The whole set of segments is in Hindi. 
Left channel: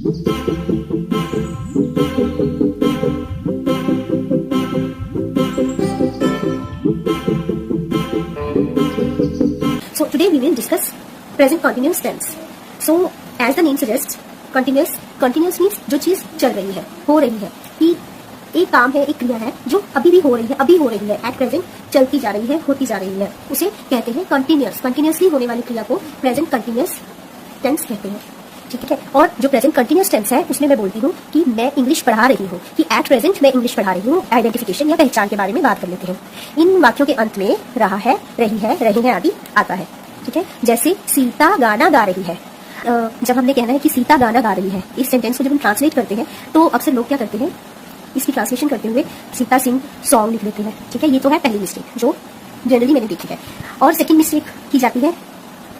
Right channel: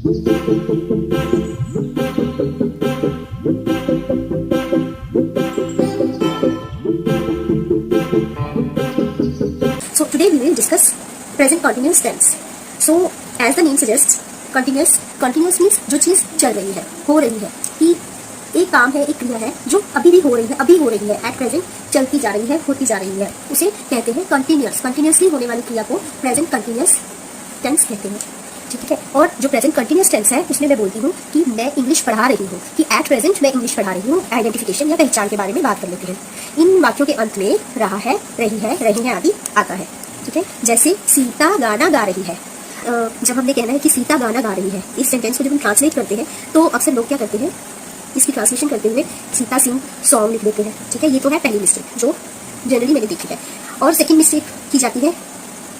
So today we will discuss present continuous tense. So as the name suggests, continuous means जो चीज चल रही है, हो रही है, कि एक काम है, एक क्रिया है जो अभी भी हो रही है, अभी हो रही है, एट प्रेजेंट चलती जा रही है, होती जा रही है, उसे कहते हैं कंटिन्यूअस। कंटिन्यूअसली होने वाली क्रिया को प्रेजेंट कंटिन्यूअस टेंस कहते हैं, ठीक है। और जो प्रेजेंट कंटिन्यूअस टेंस है उसमें मैं बोलती हूँ कि मैं इंग्लिश पढ़ा रही हूँ, कि एट प्रेजेंट मैं इंग्लिश पढ़ा रही हूँ। आइडेंटिफिकेशन या पहचान के बारे में बात कर लेते हैं। इन वाक्यों के अंत में रहा है, रही है आदि आता है, ठीक है। जैसे सीता गाना गा रही है। जब हमने कहना है कि सीता गाना गा रही है, इस सेंटेंस को जब हम ट्रांसलेट करते हैं तो अक्सर लोग क्या करते हैं, इसकी ट्रांसलेशन करते हुए सीता सिंह सॉन्ग लिख देते हैं, ठीक है। ये तो है पहली मिस्टेक जो जनरली मैंने देखी है। और सेकंड मिस्टेक की जाती है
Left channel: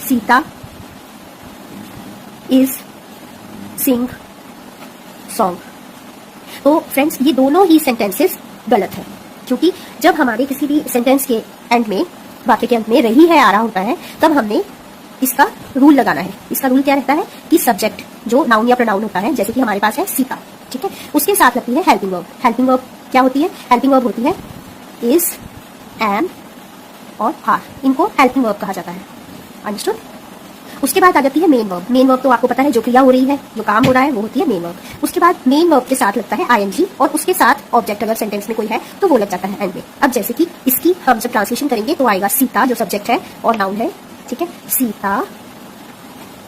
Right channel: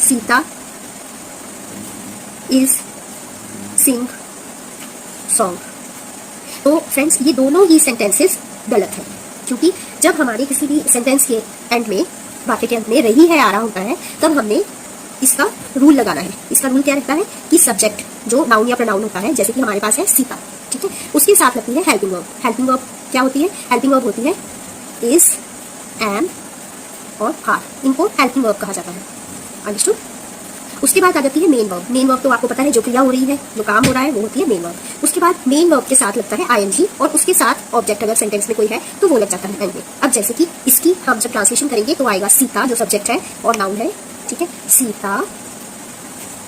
सीता इज सिंग सॉन्ग। तो फ्रेंड्स ये दोनों ही सेंटेंसेस गलत हैं, क्योंकि जब हमारे किसी भी सेंटेंस के एंड में, वाक्य के अंत में रही है आ रहा होता है, तब हमने इसका रूल लगाना है। इसका रूल क्या रहता है कि सब्जेक्ट जो नाउन या प्रोनाउन होता है, जैसे कि हमारे पास है सीता, ठीक है, उसके साथ लगती है हेल्पिंग वर्ब। हेल्पिंग वर्ब क्या होती है? हेल्पिंग वर्ब होती है इज, एम और आर। इनको हेल्पिंग वर्ब कहा जाता है। अंडरस्टूड? उसके बाद आ जाती है मेन वर्ब। मेन वर्ब तो आपको पता है, जो क्रिया हो रही है, जो काम हो रहा है, वो होती है मेन वर्ब। उसके बाद मेन वर्ब के साथ लगता है आईएनजी, और उसके साथ ऑब्जेक्ट अगर सेंटेंस में कोई है तो वो लग जाता है एंड में। अब जैसे कि इसकी हम जब ट्रांसलेशन करेंगे तो आएगा सीता जो सब्जेक्ट है और नाउन है, ठीक है, सीता।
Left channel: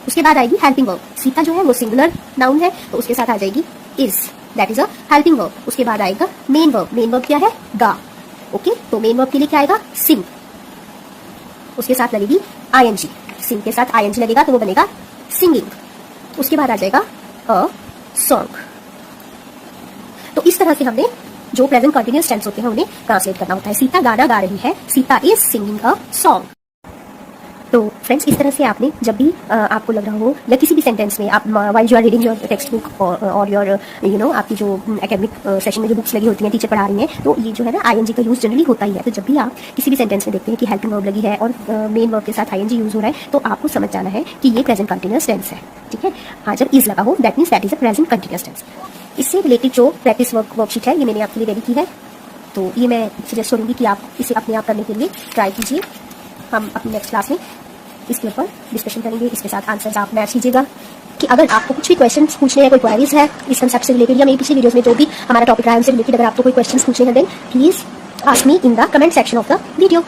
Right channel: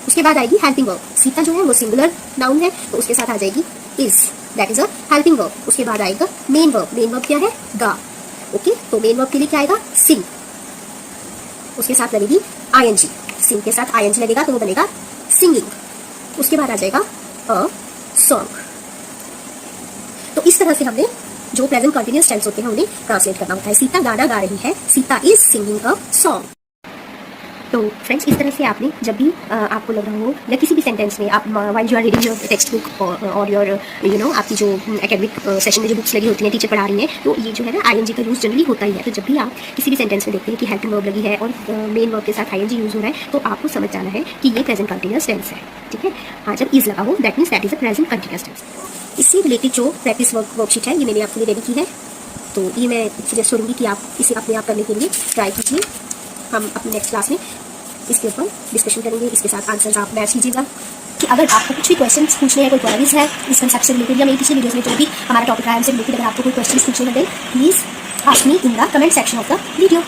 उसके बाद आएगी हेल्पिंग वर्ब। सीता जो है वो सिंगुलर नाउन है, तो उसके साथ आ जाएगी is, that is a helping verb. उसके बाद आएगा मेन वर्ब। मेन वर्ब क्या है? गा। ओके, तो मेन वर्ब के लिए क्या आएगा? सिंग। उसके साथ लगेगी आईएनजी। सिंग के साथ आईएनजी लगेगा तो वो बनेगा सिंगिंग। उसके बाद आ जाएगा अ सॉन्ग। तो इस तरह से हमने जो प्रेजेंट कंटिन्यूअस टेंस होते हैं उन्हें ट्रांसलेट करना होता है। सीता गाना गा रही है, Sita is singing a song. तो फ्रेंड्स इस तरह से आपने जब भी आपको लग रहा हो, या किसी भी सेंटेंस में आप while you are reading your textbook और योर आपकी जो एकेडमिक सेशन में जो बुक्स लगी होती हैं, टीचर पढ़ा रही है, तो ये जो है ना आईएनजी का यूज जनरली होता ही है। तो जब भी आप किसी भी सेंटेंस में देखते हैं कि हेल्पिंग वर्ब लगी है और मेन वर्ब के साथ आईएनजी यूज हो रहा है, तो आपको समझ जाना है कि ये प्रेजेंट कंटिन्यूअस टेंस है, ठीक है। हाँ, जब इज लगा हो that means that is a present continuous tense. इससे रिलेटेड जो प्रैक्टिस वर्कशीट है ये मैंने आपके लिए रेडी की है, तो ये मैं सजेस्ट करूँगी कि आप इसे अपने आप करने के लिए ट्राई कीजिए। हम अपनी नेक्स्ट क्लास में इसके ऊपर डिस्कशन करेंगे, इसके साथ आंसर्स आप मैच कीजिएगा। कि अगर आपको कुछ भी क्वेश्चंस पूछने हैं, कोई क्वेरीज है इस कंसेप्ट से रिलेटेड, या मेरी पिछले वीडियोस में जो भी हमारा टॉपिक रहा है उनसे रिलेटेड अगर आपको कोई क्वेश्चंस पूछने हैं, then please ask me in the comment section of the video.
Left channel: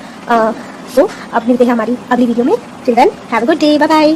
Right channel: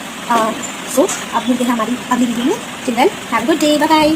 So अब मिलते हैं हमारी अगली वीडियो में। Till then have a good day, bye bye.